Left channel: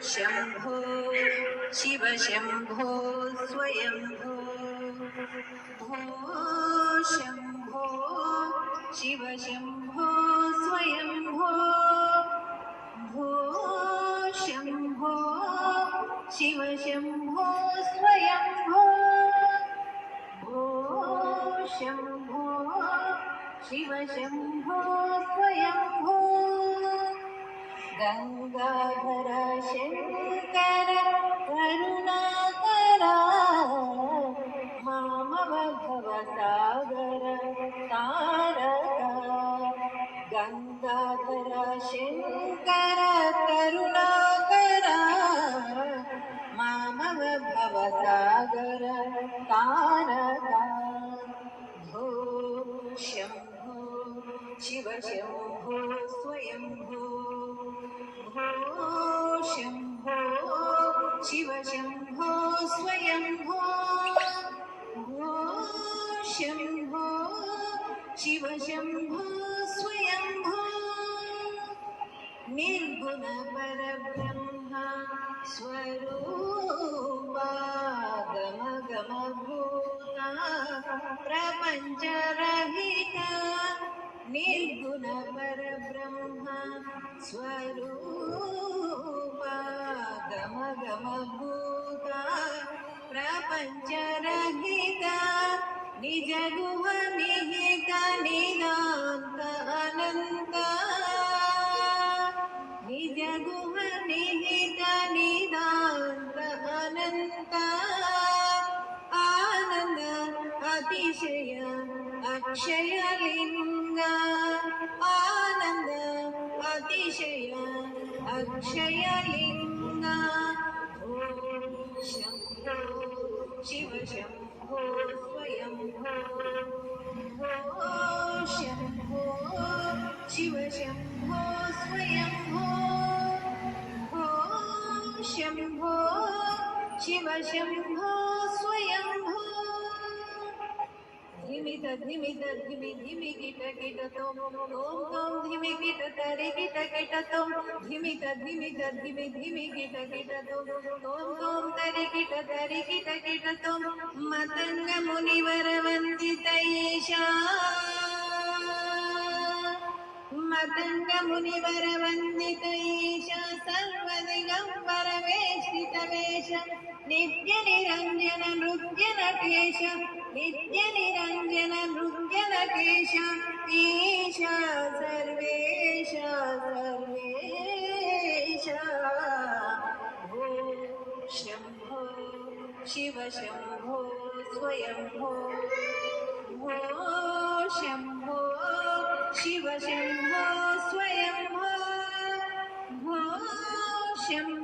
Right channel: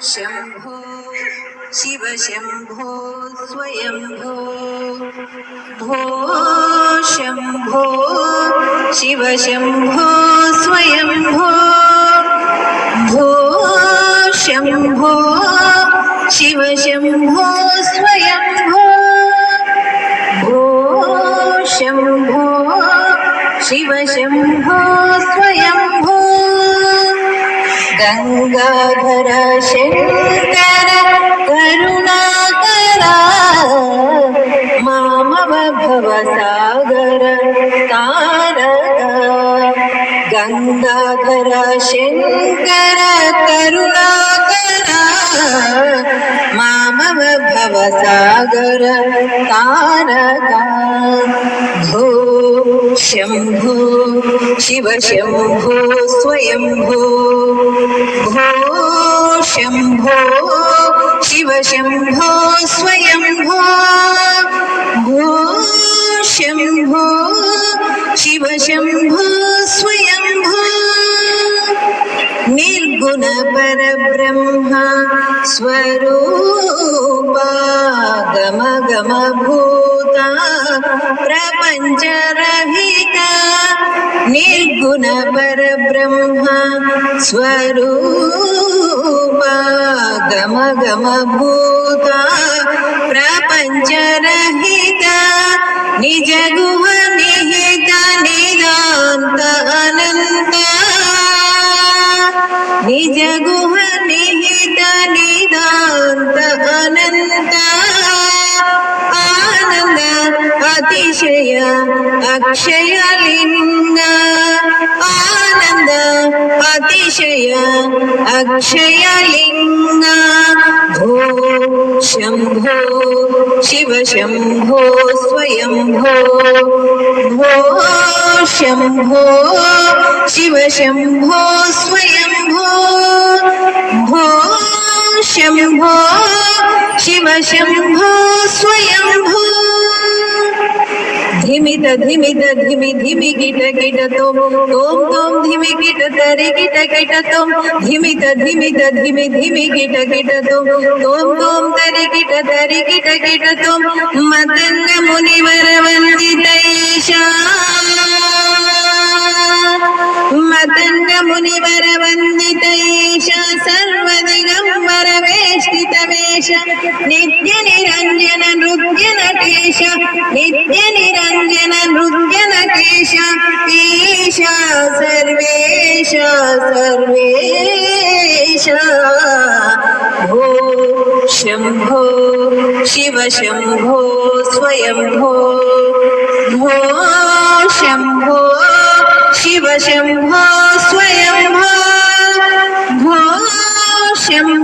शम्भो शिव शम्भो स्वयम्भो भो शम्भो शिव शम्भो स्वयम्भो भो शम्भो शिव शम्भो स्वयम्भो भो शम्भो शिव शम्भो स्वयम्भो गंगाधर शंकर करुणाकरा मामव भवसागर तारका गंगाधर शंकर करुणाकरा मामव भवसागर तारका भो शंभो शिव शंभो स्वयंभो भो शंभो शिव शंभो स्वयंभो भो शंभो शिव शंभो स्वयंभो निर्गुण परब्रह्म स्वरूपा गम गम भूता प्रपंच रहिता निर्गुण परब्रह्म स्वरूपा गम गम भूता प्रपंच रहिता निज गुह निहित निदांत अनंत निज गुह निहित निदांत अनंत आनंद अतिशय अक्षय लिंग आनंद अतिशय अक्षय लिंग भो शंभो शिव शंभो स्वयंभो भो शंभो शिव शंभो स्वयंभो भो शंभो शिव शंभो स्वयंभो धिमित धिमित धिमि धिमि गिट गिट तोम तोम तोम धिमि गिट तरि गिट गिट तोम धिमित धिमित धिमि धिमि गिट गिट तोम तोम तोम तरि गिट तोम मतंग मुनिवर वंदितैषा मतंग मुनिवर वंदितैषा सर्वदिगंबर वेष्टित वेश नित्य निरंजन नृत्य नटेश नित्य निरंजन नृत्य नटेश ईशा सर्वेश सर्वेश भो शंभो शिव शंभो स्वयंभो भो शंभो शिव शंभो स्वयंभो भो शंभो